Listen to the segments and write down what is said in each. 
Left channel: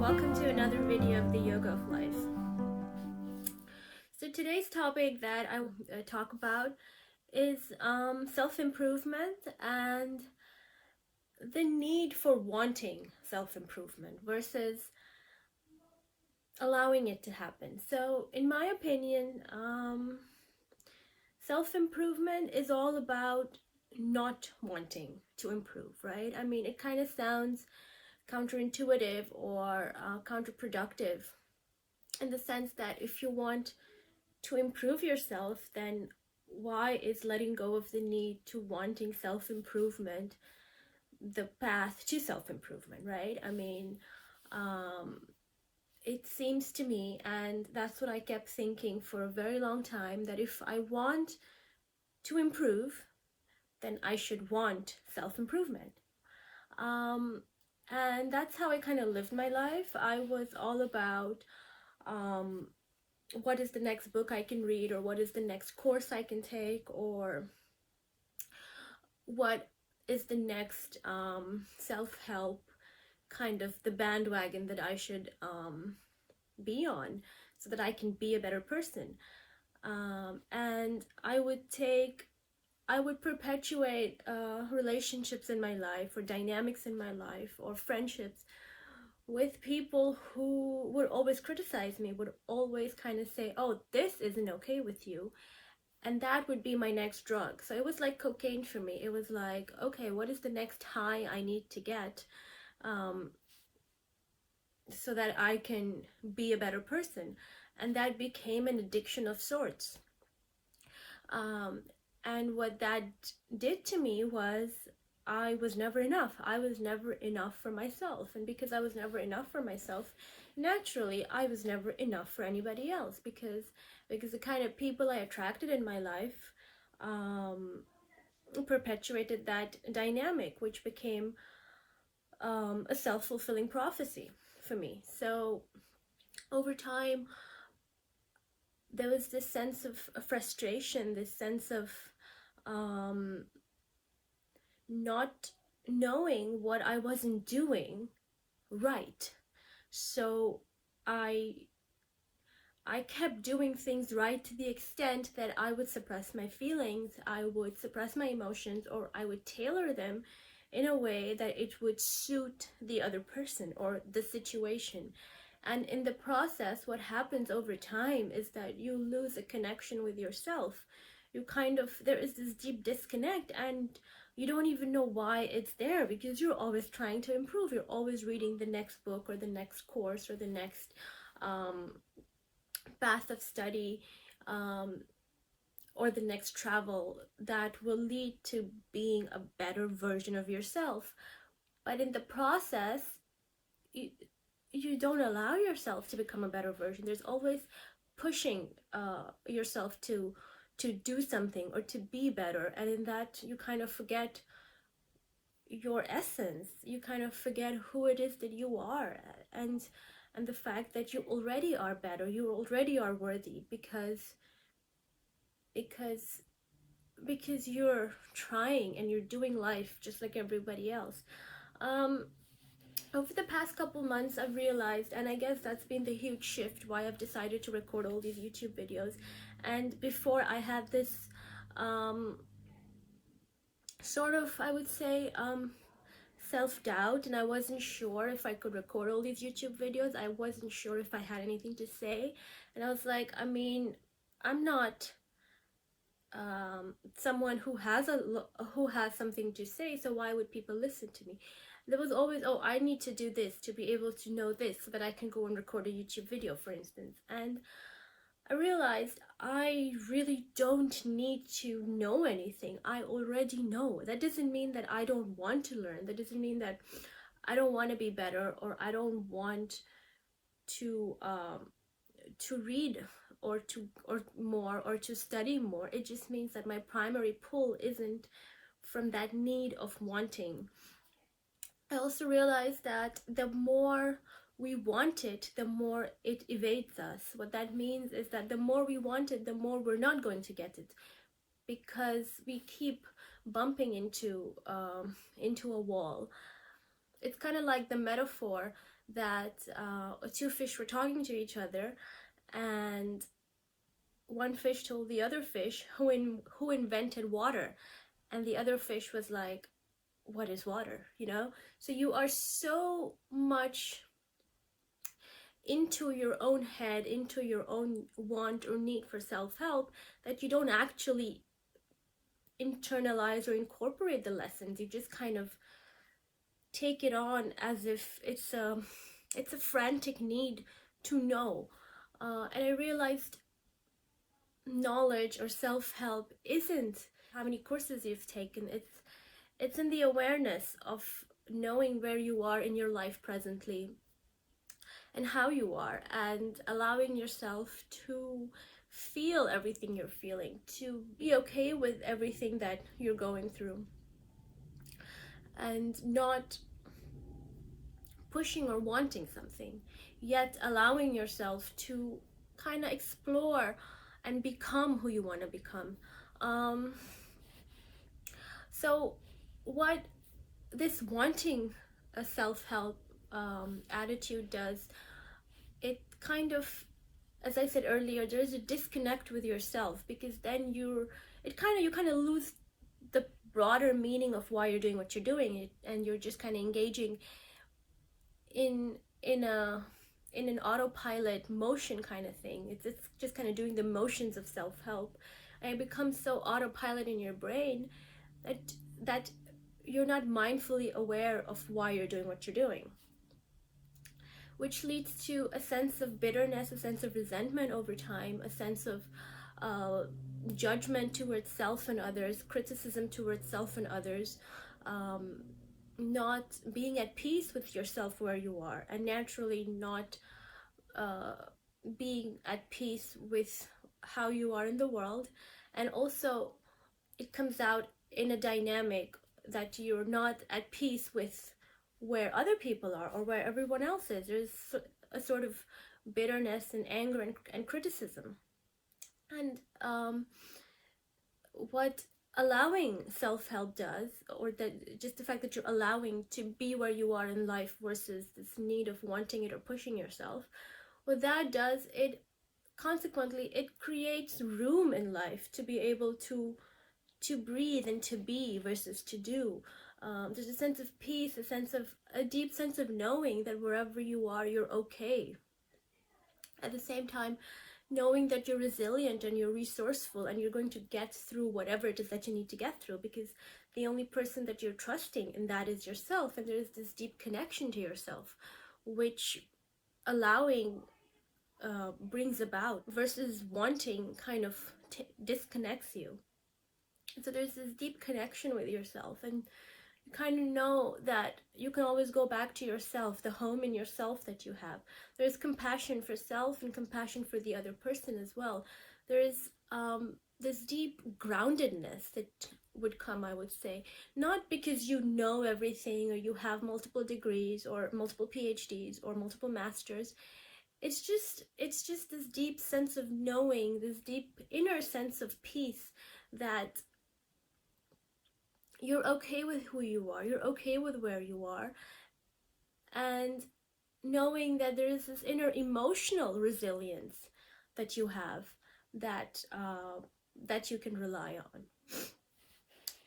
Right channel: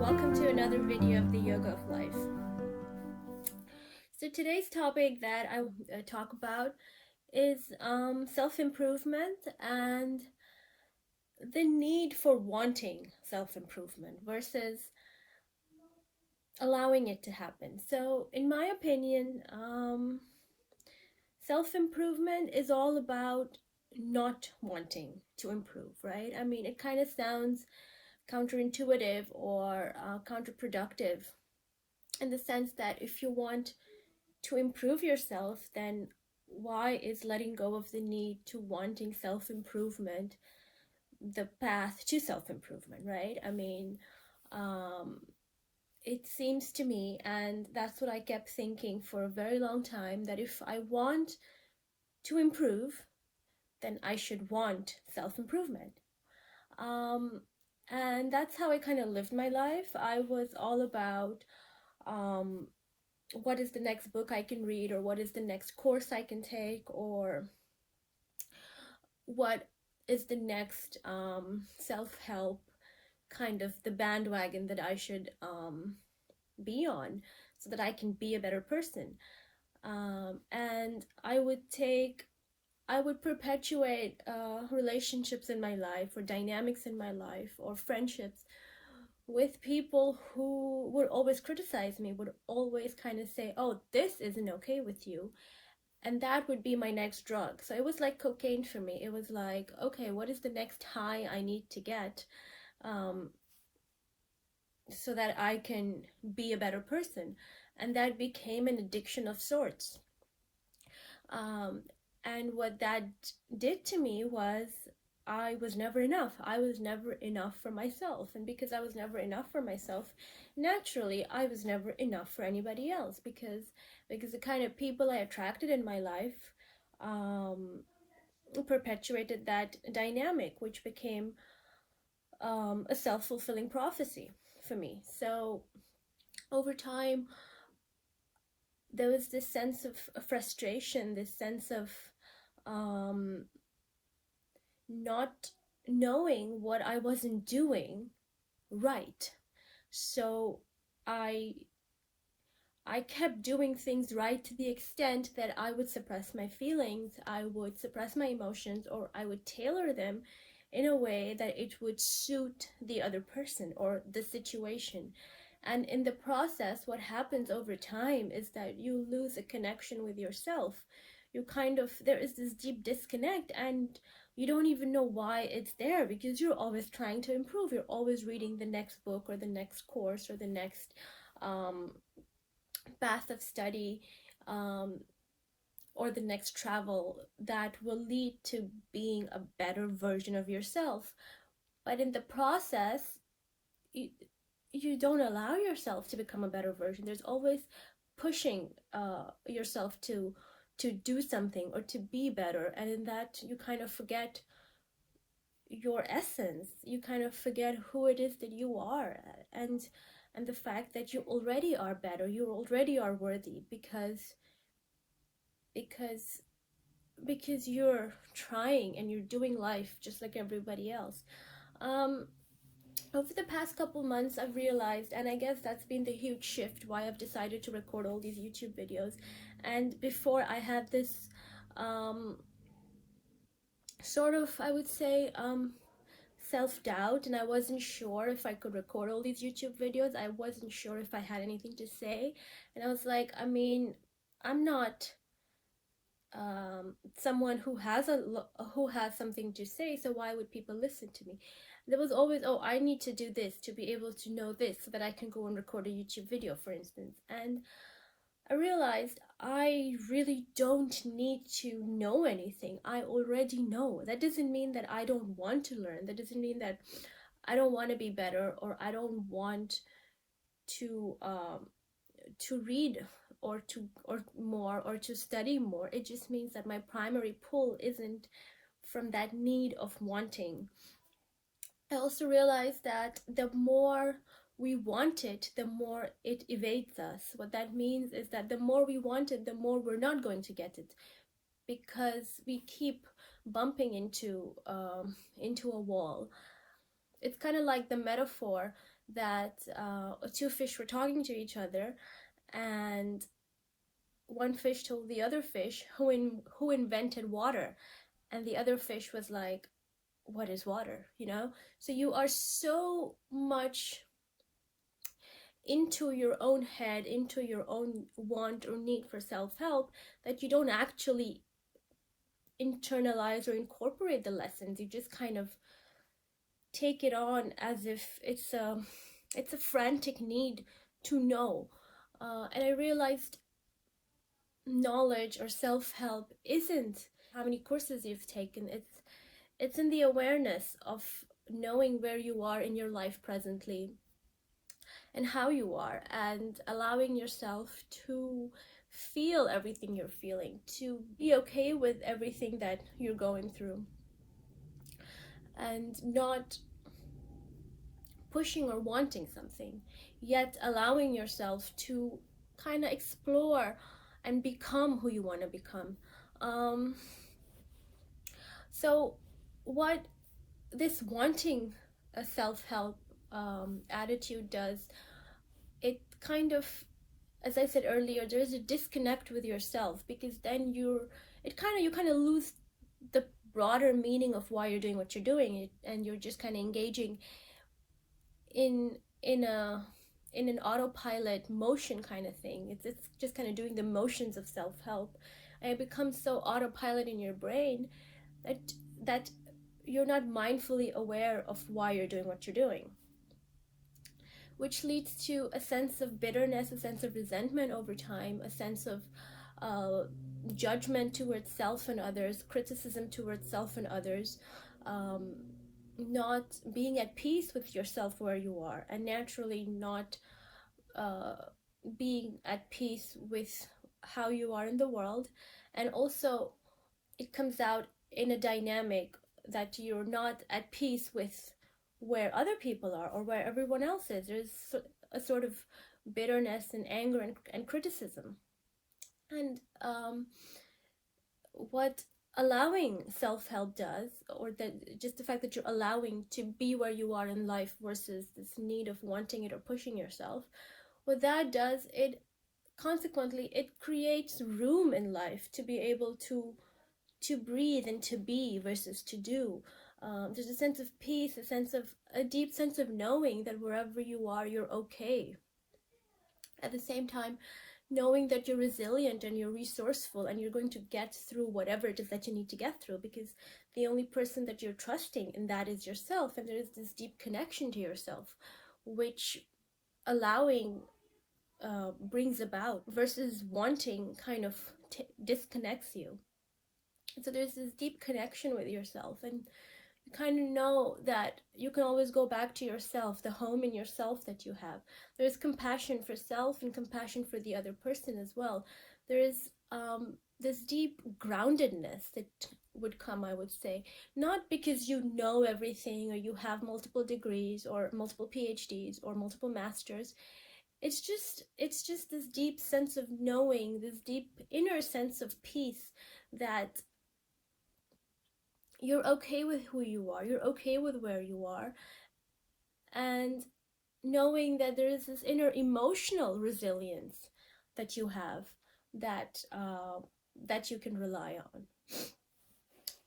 welcome to another video of the Yoga of Life. So today's topic that I will talk about is self-improvement and the need for wanting self-improvement versus allowing it to happen. So in my opinion, self-improvement is all about not wanting to improve, right? I mean, it kind of sounds counterintuitive or counterproductive in the sense that if you want to improve yourself, then why is letting go of the need to wanting self-improvement the path to self-improvement, right? I mean, it seems to me, and that's what I kept thinking for a very long time, that if I want to improve, then I should want self-improvement. And that's how I kind of lived my life. I was all about what is the next book I can read, or what is the next course I can take, or what is the next self-help kind of the bandwagon that I should be on so that I can be a better person. And I would perpetuate relationships in my life, or dynamics in my life, or friendships with people who would always criticize me, would always kind of say, oh, this isn't okay with you. And that would be my next drug. So it was like cocaine for me. It was like, okay, what is the next high I need to get so that I can be a better person? And that became an addiction of sorts. And what that did to me was I was never enough. I was never enough for myself. And because I was never enough for myself, naturally, I was never enough for anybody else, because the kind of people I attracted in my life perpetuated that dynamic, which became a self-fulfilling prophecy for me. So over time, there was this sense of frustration, this sense of not knowing what I wasn't doing right. So I kept doing things right to the extent that I would suppress my feelings, I would suppress my emotions, or I would tailor them in a way that it would suit the other person or the situation. And in the process, what happens over time is that you lose a connection with yourself. There is this deep disconnect, and you don't even know why it's there, because you're always trying to improve. You're always reading the next book or the next course or the next path of study or the next travel that will lead to being a better version of yourself. But in the process, you don't allow yourself to become a better version. There's always pushing yourself to do something or to be better, and in that you kind of forget your essence. You kind of forget who it is that you are, and the fact that you already are better, you already are worthy, because you're trying and you're doing life just like everybody else. Over the past couple months, I've realized, and I guess that's been the huge shift why I've decided to record all these YouTube videos. And before, I had this sort of, I would say, self-doubt, and I wasn't sure if I could record all these YouTube videos. I wasn't sure if I had anything to say, and I was like, I mean, I'm not someone who has something to say, so why would people listen to me? There was always, oh, I need to do this to be able to know this so that I can go and record a YouTube video, for instance. And I realized I really don't need to know anything. I already know. That doesn't mean that I don't want to learn. That doesn't mean that I don't want to be better, or I don't want to read or more, or to study more. It just means that my primary pull isn't from that need of wanting. I also realized that the more we want it, the more it evades us. What that means is that the more we want it, the more we're not going to get it, because we keep bumping into a wall. It's kind of like the metaphor that two fish were talking to each other, and one fish told the other fish who invented water, and the other fish was like, what is water, you know? So you are so much into your own head, into your own want or need for self-help, that you don't actually internalize or incorporate the lessons. You just kind of take it on as if it's a frantic need to know. And I realized knowledge or self-help isn't how many courses you've taken. It's in the awareness of knowing where you are in your life presently and how you are, and allowing yourself to feel everything you're feeling, to be okay with everything that you're going through, and not pushing or wanting something, yet allowing yourself to kind of explore and become who you want to become. So what this wanting a self-help attitude does, it kind of, as I said earlier, there's a disconnect with yourself, because then you kind of lose the broader meaning of why you're doing what you're doing, and you're just kind of engaging in an autopilot motion kind of thing. It's just kind of doing the motions of self-help, and it becomes so autopilot in your brain that you're not mindfully aware of why you're doing what you're doing, which leads to a sense of bitterness, a sense of resentment over time, a sense of judgment towards self and others, criticism towards self and others, not being at peace with yourself where you are, and naturally not being at peace with how you are in the world. And also, it comes out in a dynamic that you're not at peace with where other people are or where everyone else is. There's a sort of bitterness and anger and criticism. And what allowing self-help does, or just the fact that you're allowing to be where you are in life versus this need of wanting it or pushing yourself, what that does, it consequently, it creates room in life to be able to breathe and to be versus to do. There's a sense of peace, a deep sense of knowing that wherever you are, you're okay. At the same time, knowing that you're resilient and you're resourceful and you're going to get through whatever it is that you need to get through, because the only person that you're trusting in that is yourself, and there is this deep connection to yourself, which allowing brings about, versus wanting kind of disconnects you. So there's this deep connection with yourself, and you kind of know that you can always go back to yourself, the home in yourself that you have. There's compassion for self and compassion for the other person as well. There's this deep groundedness that would come, I would say, not because you know everything or you have multiple degrees or multiple PhDs or multiple masters. It's just this deep sense of knowing, this deep inner sense of peace, that you're okay with who you are, you're okay with where you are, and knowing that there is this inner emotional resilience that you have, that that you can rely on.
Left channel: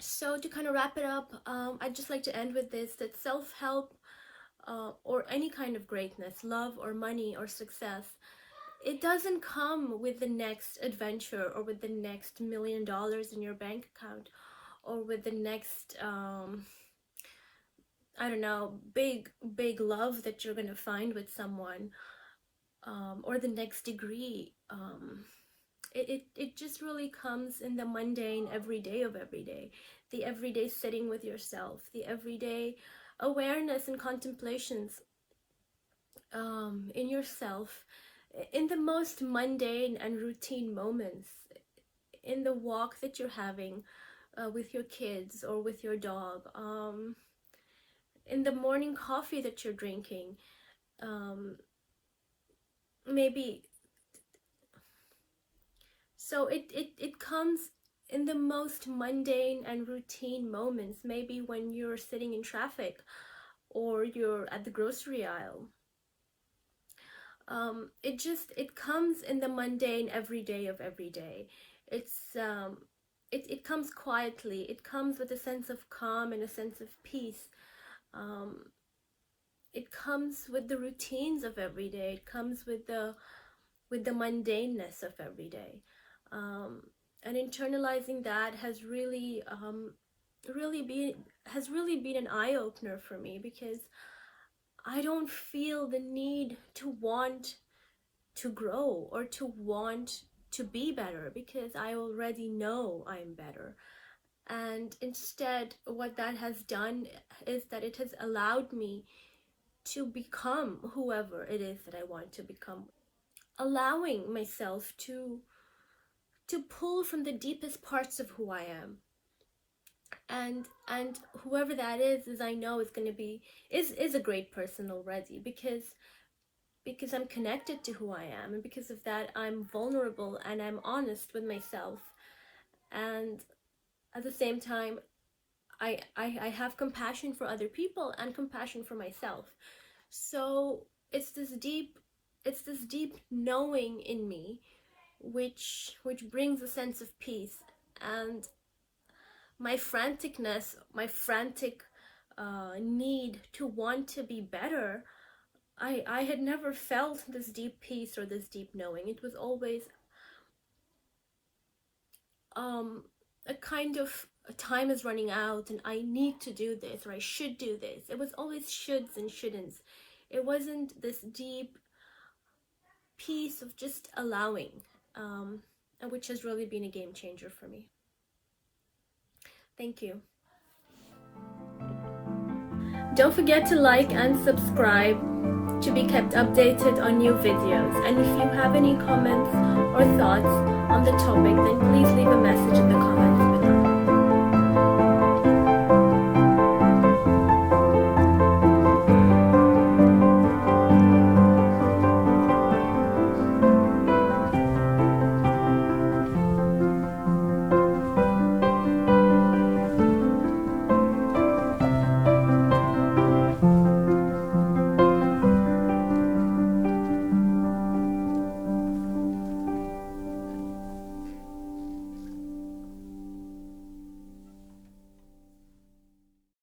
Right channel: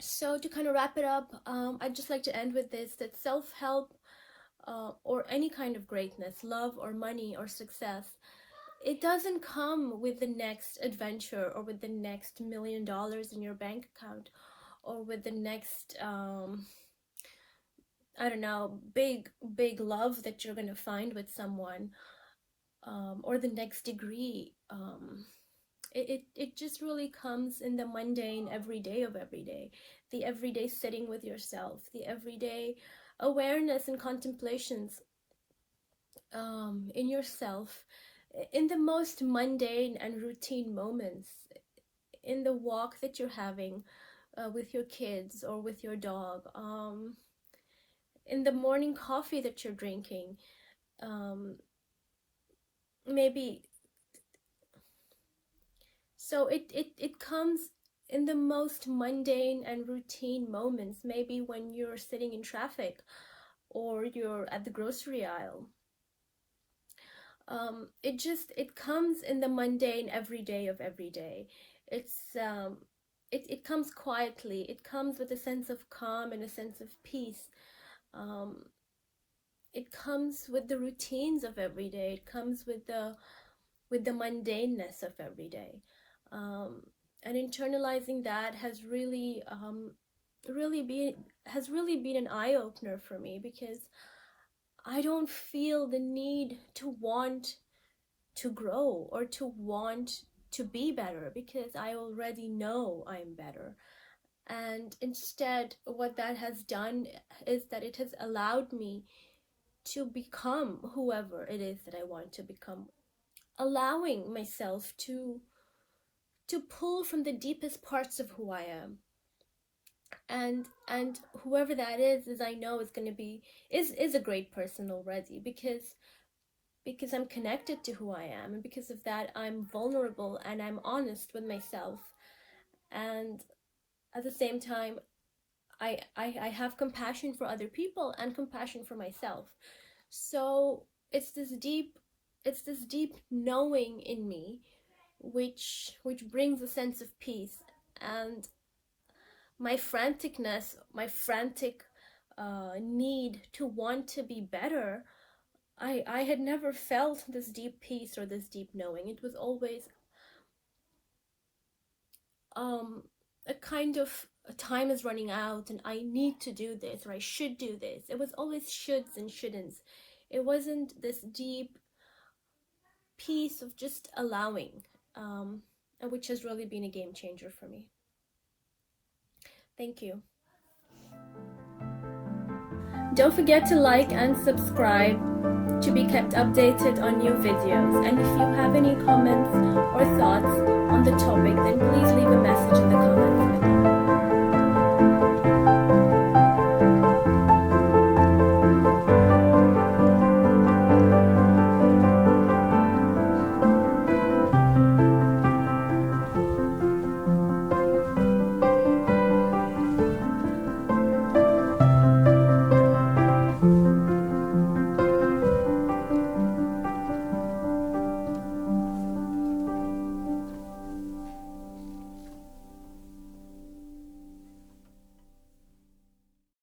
So to kind of wrap it up, I'd just like to end with this, that self-help or any kind of greatness, love or money or success, it doesn't come with the next adventure or with the next $1 million in your bank account, or with the next I don't know, big love that you're gonna find with someone, or the next degree. It just really comes in the mundane everyday of every day, the everyday sitting with yourself, the everyday awareness and contemplations in yourself, in the most mundane and routine moments, in the walk that you're having with your kids or with your dog, in the morning coffee that you're drinking, maybe. So it comes in the most mundane and routine moments, maybe when you're sitting in traffic or you're at the grocery aisle. It comes in the mundane everyday of every day. It comes quietly. It comes with a sense of calm and a sense of peace. Um, it comes with the routines of every day. It comes with the mundaneness of every day. Um, and internalizing that has really been an eye opener for me, because I don't feel the need to want to grow or to want to be better, because I already know I'm better. And instead, what that has done is that it has allowed me to become whoever it is that I want to become, allowing myself to pull from the deepest parts of who I am. And whoever that is I know is going to be is a great person already, because I'm connected to who I am, and because of that I'm vulnerable and I'm honest with myself. And at the same time, I have compassion for other people and compassion for myself. So it's this deep knowing in me, which brings a sense of peace. And my frantic need to want to be better, I had never felt this deep peace or this deep knowing. It was always a kind of time is running out and I need to do this, or I should do this. It was always shoulds and shouldn'ts. It wasn't this deep peace of just allowing, which has really been a game changer for me. Thank you. Don't forget to like and subscribe to be kept updated on new videos. And if you have any comments or thoughts on the topic, then please leave a message in the comments.